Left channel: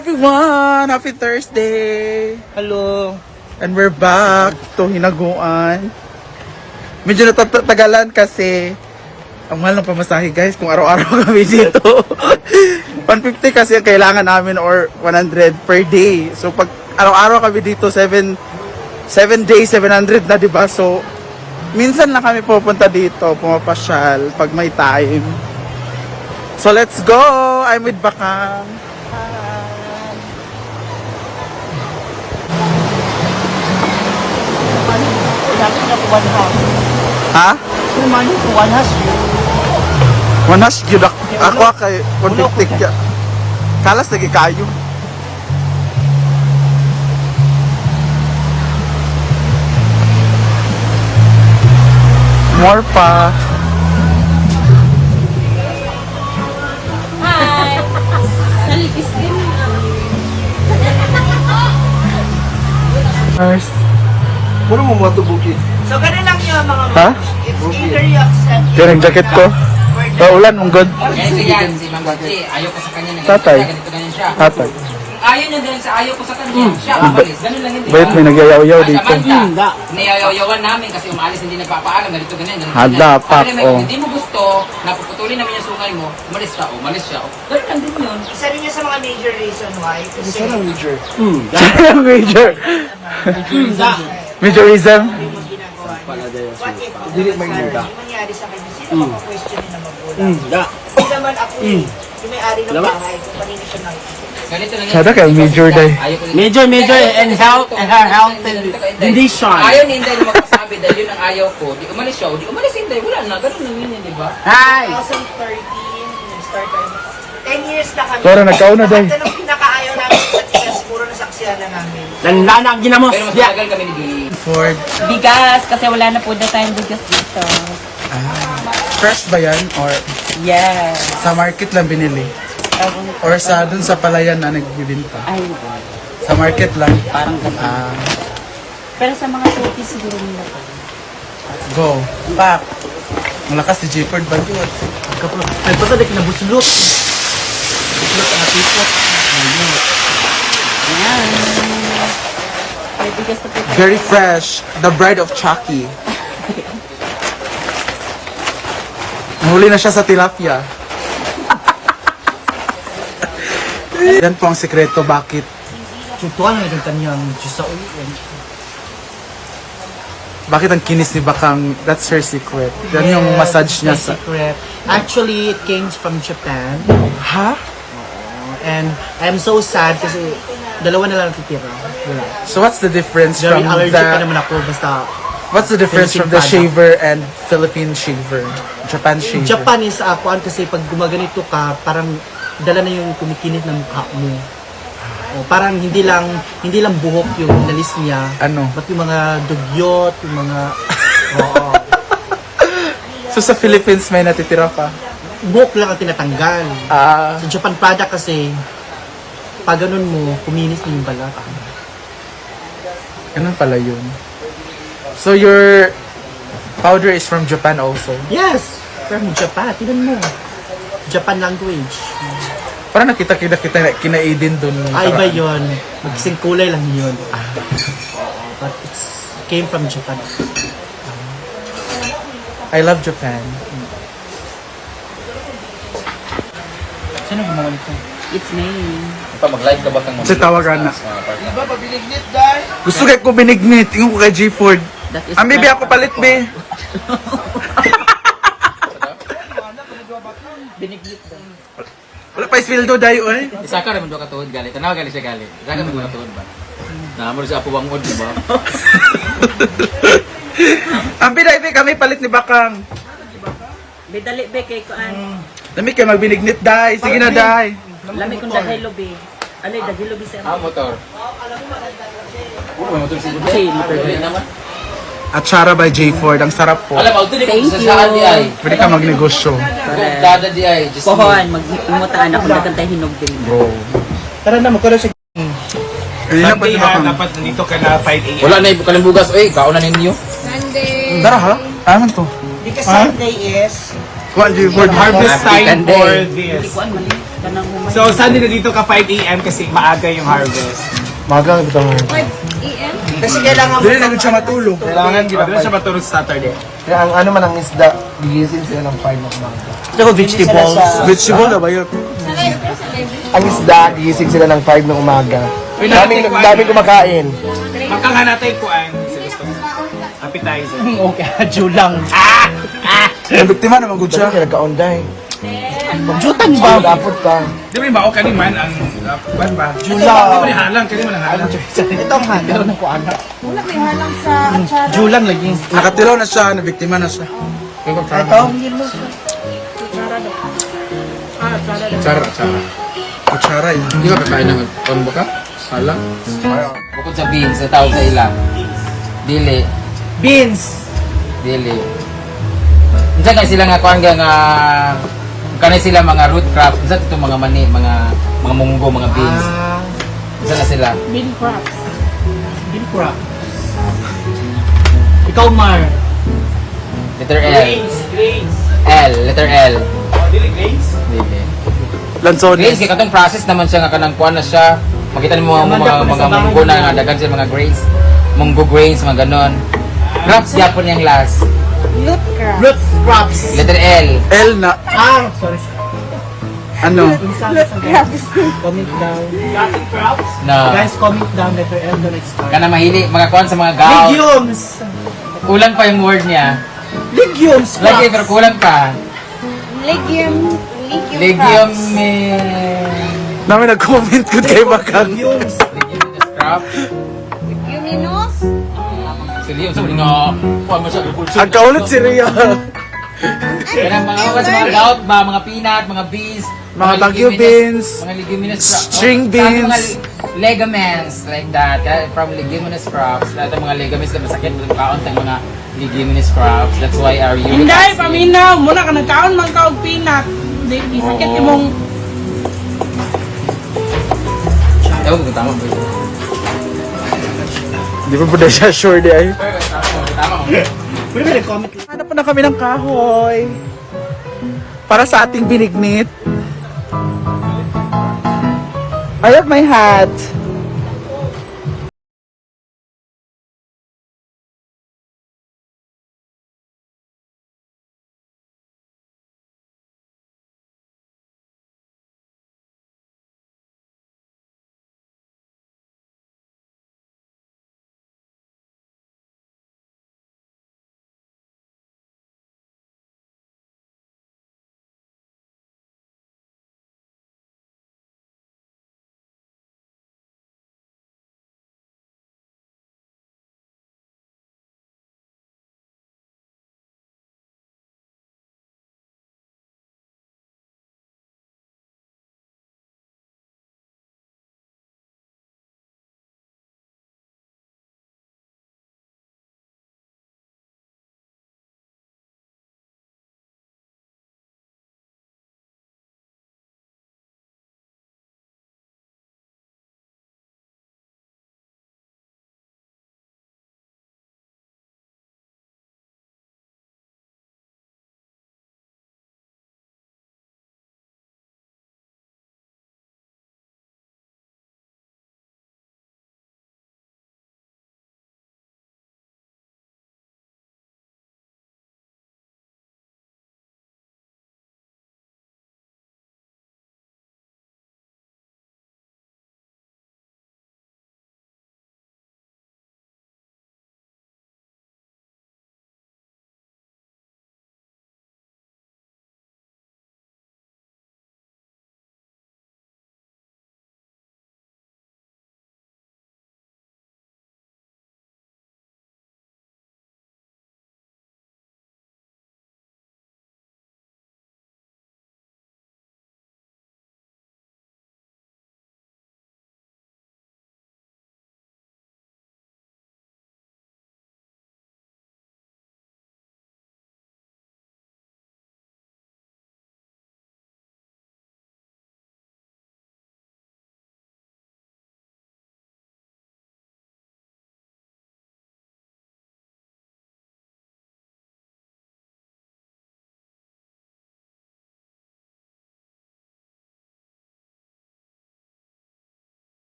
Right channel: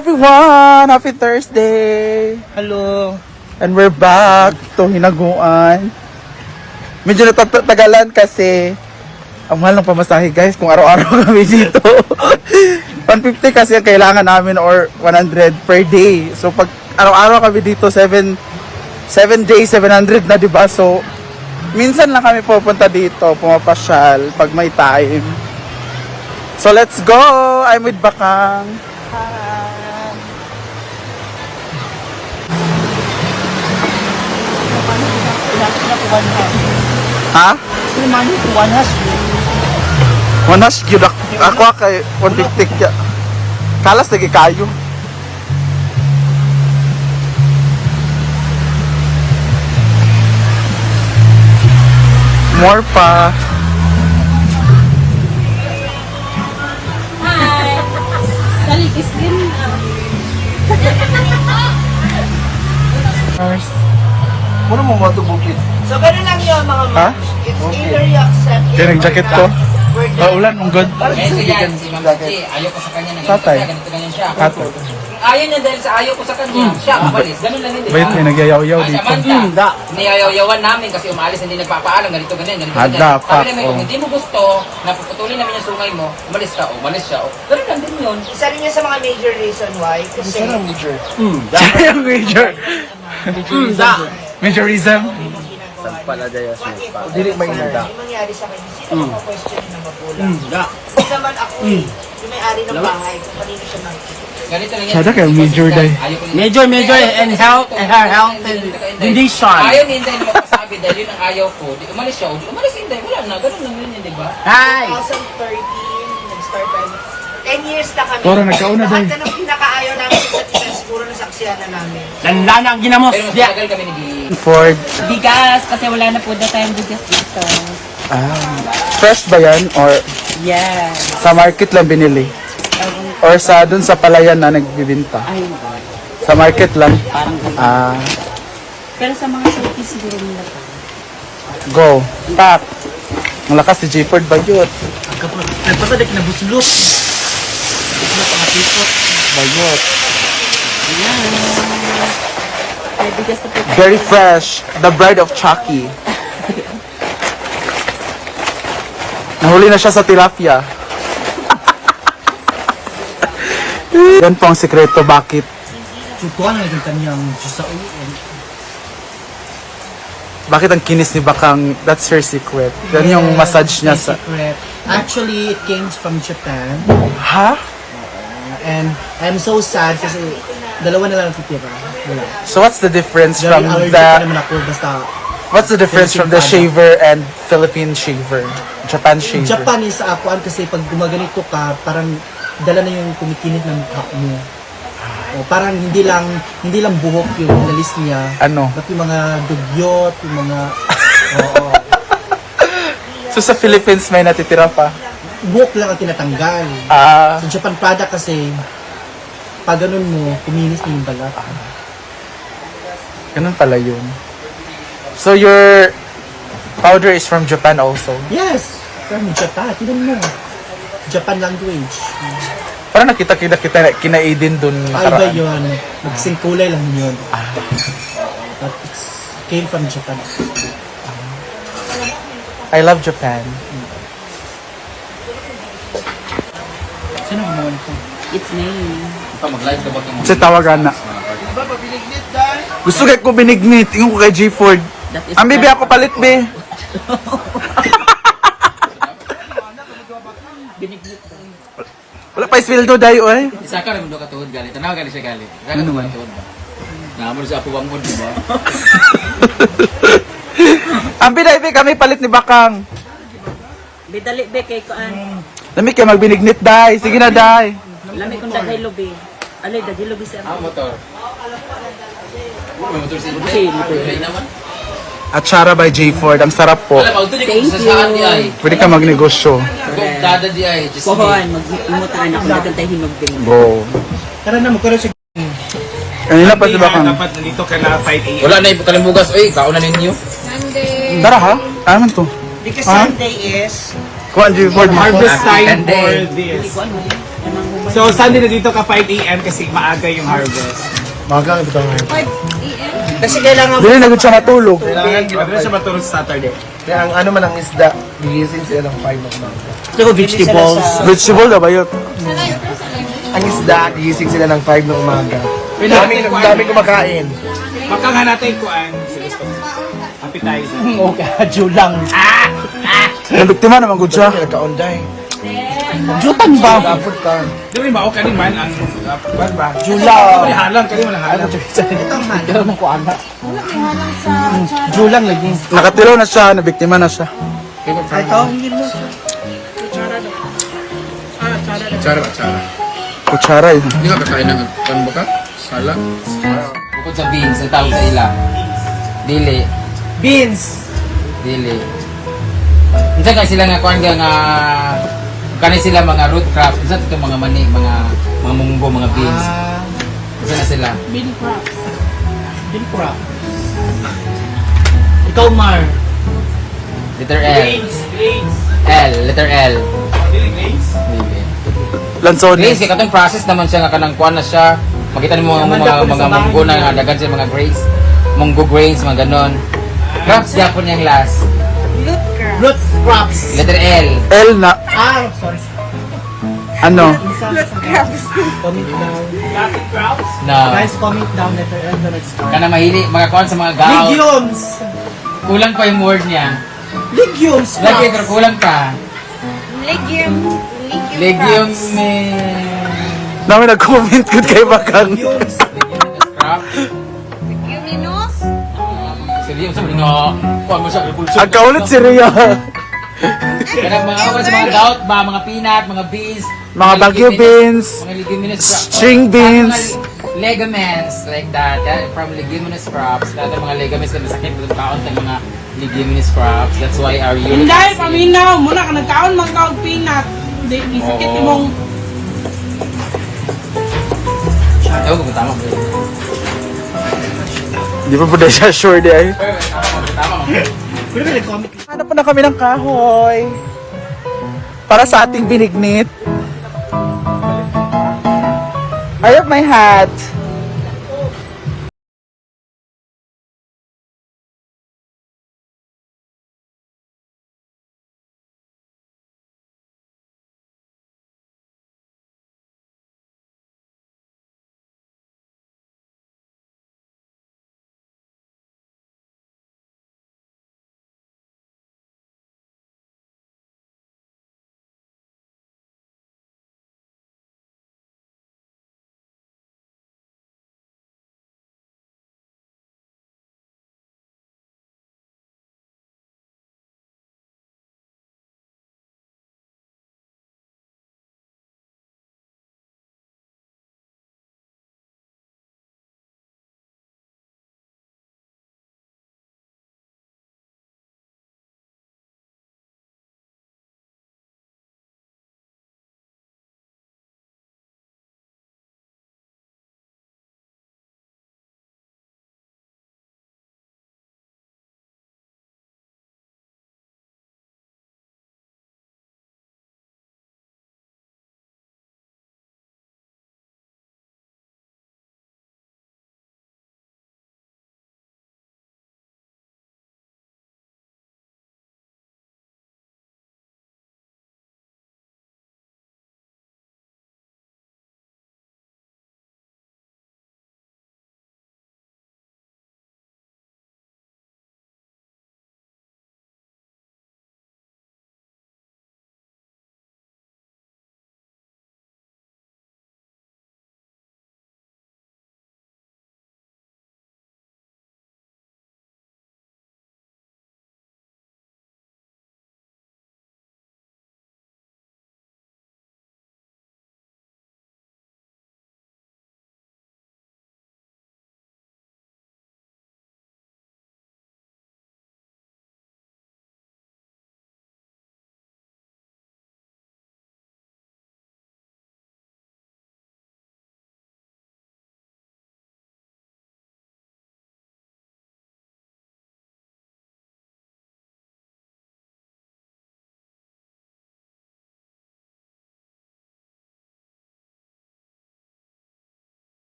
everyone! Happy Thursday! Hello! And we're back to Hinaguan. Medyo natagalan kasi ang mahal ng pamasahe guys kung araw-araw kami dito. 150 kasi ang kailangan namin or 100 per day. So pag araw-araw kami dito 7 days, 700 na diba? So minsan lang kami pupunta dito, pumapasyal pag may time. So let's go! I'm with Bakang. Hi! Ha? Wanas gyud ako kay 150 kya. Kalas lagi kayo. More pa. Hi! Salikis din. First. Muna mo matubukid. So, ganun lang yun mga Ha? It's either you accept it. Yan ang jacket ko. Ulan, ang good. Ayaw ko sa kanya na Tatay. ganito ganyan siya. Tatay. Ayaw niya dahil sa ayaw ko sa kanya, siya umalis. Ganun lang yun. Wait, may nagyayaw-yaw dito. Samantha, niyayaw-yawan namin kasi umalis, hindi nagpapaalam, ganito ganyan, ganito ganyan. Dapat, Sabi namin, kung oh. hindi mo gusto, napuputulin namin yung sungay mo, umalis ka, umalis siya. Ganun lang din yun. Isa rin yan sa mga major reason why. Kasi, Major. Major. Majorism. what if, Dili may muda. yung nangyari sa kanya, sino mga question na magulang? Hindi naman ako yung may-ari ng bahay, kung kanina siya nakikita. Ganito lang Kada kayo, major day. Ayaw ko Major and health and her health and condition. Ayaw ni Inday na magsasabi dahil yun ang ayaw ko. Di umalis siya, o di umalis si Inday. Wala na, ganun lang yun, di ba? Hi! 2013, nag-start tayo. 10 years na kami. Tora, nagkauna, Day. At anong pinakaayaw namin sa tigas, puro nasaksiyan na namin. Landa na ang ginamos. Pero mas matagal kami ni Billy. Ford. Bigas, kasi wala na po na tayong bigas dito. Fresh ba yan? Or Yes. sa market lang binili? Or sa dun sa palayan na nagbibinta? Ay, Sa market lang? parang ganun. Ah, Pero sa mga city siguro nila po. go. Tap. Ang lakas si J-Ford ba yun? Ay, baka di kinabuslot. Ayan. Ay, bigas na po. Very fresh. The bride of Chucky. Nahuli na siya sa tilapia. Yan po ang sekreto bakit Tutuan na naging kanyang Diyos sa ulo. ang kinis ni Bakang. That's her secret. Yan yung massage niya sa... Secret. Actually, it came from Japan. Ha? And I'm so sad kasi dalawa na lang natitira. Wala. So what's the difference Very from allergic pa the... naman ako. Basta What's the difference from the Philippine shaver and Philippine shaver? Japan shaver. Japan is akuan kasi pag gumaganito ka, parang dala na yung kumikinit ng mukha mo. O, parang hindi lang buhok yung nalis niya. Ano? But yung mga dugyot, yung mga oo. So sa Philippines may natitira pa? Buhok lang ang tinatanggal. Ah, Sa Japan product kasi pag ganun mo, kuminis na yung balat. ganun pala yun. So your powder is from Japan also? Yes! From Japan. Tinan mo. Japan language. Parang nakita kina Aiden dun. Ay ba nakaraan. yun? Magsing kulay lang yun. But it came from Japan. I love Japan. Sino gumawa nito? It's me. Pa mag-live ka ba kang Kasi tawagan na. Gusto kay ko binignit. Ingon ko kay G Ford. That is Ang bibi ako palit, be. biniglit ba? Wala pa isweldo dayo, eh. Isa ka rin mo katuhod galit. Tanaw galit siya galit. Isa ka rin mo katuhod ba? Naamon sa apo mo, di ba? Ang biday, be, kami palit ni Bakang. Bidali be kay kuan. Dami kayo magbinignit, day. Sige na, day. Lami kung daghay lobi. Alay daghay lobi sa. Ang motor. Okay, motor. Atsara by J Ford. Ang sarap po. Alam, auto di ko Thank sa di ay. Pwede ka magnegosyo. Dada di ay. Just Pohon, mag-imutaan ako dagan tay hinog din. Bro. Tara na, magkaroon sa Kanina pa si Bakang. nandito ka na 5 a.m. Wala na yung kalimbugas. Eh, kauna ninyo. Tara ha? Ano to? Because Sunday is Kuha J Ford. Harvest time Weekend for day. this. Hindi ko ano. Kanang humay. So, Sunday na dito ka 5 a.m. kasi maaga yung harvest. Magang ito. Kasi kailangan Dili na gud siya matulog. Kailangan din na siya matulog sa Saturday. Kaya ang ano man ang isda, gigising sila ng 5 ng umaga. Pero vegetables. Vegetable na ba yun? Ang isda, gigising sila ng 5 ng umaga. Dami kumakain. Makanghan natin kuan. Appetizer. Okay, julang. Ang biktima naman gud siya. Nagkaon dahil. Jutang ba? Dapat ka. Di ba yung bao kaniman ang ban ba? Julang. Di ba yung halang? Kaniman ang halang. Itong halaw na kuan. Wala may halang sa atsara. Julang lagi. Nakatilaw na siya, nabiktima na siya. Kutsara yun. Hindi ka kakain ng kondo ka? Sala? Bukod sa beans, na tawag sa ila. Dili. Beans. Dili. Minsan kasi sila nga kuan nga kanay sila mga root crops. Minsan itong mga mani, mga munggo, mga beans. Minsan na sila. Bean crop. Ikaw, Mar. Letter L. L. Letter L. Dili. Lansones. Grace, kaya katong process naman siya nga kanang kuan na siya. Makita niyo mga munggo na nga dagan siya mga grains. Munggo grains, mga ganon. Crops Japon yung last. Root crops. Letter L. L na, Sorry. ano? Comment down. No. Guys, comment down letter L the next time. Kana mahili, mga kuan sa mga gout. Legumes. Kulang pa yung word niya. Legumes. Lagi, pero kulang pa. Legume. Namin nag-comment good kay Bakang. Legumes. Crop. Sige, sabi nga, kuan mo siya, repulsion. Ang kaulit si Rhea. Mga kasi mga gout ba, mga peanut, mga beans. Mga Baguio beans, Mga leguminous string crops. beans. Mga ligaments, like that. From leguminous crops. Lahat ng mga ligaments na masakit, kaon tayong mga leguminous crops. That's why our uric Hindi, acid- paminaw. Muna ka nagkaon man ka og peanut. Di sakit Oo. yung mong Ewan ko kung tama. Di pa po na siya sure di ay. Tama. Hanap pa na kami ng kahoy. Para sa ating binignit. I have my hat.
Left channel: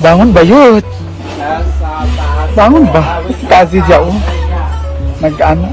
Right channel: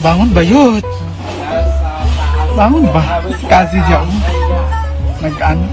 Bangon ba yun? Bangon ba? Si Kazi dyan. Nag-ano?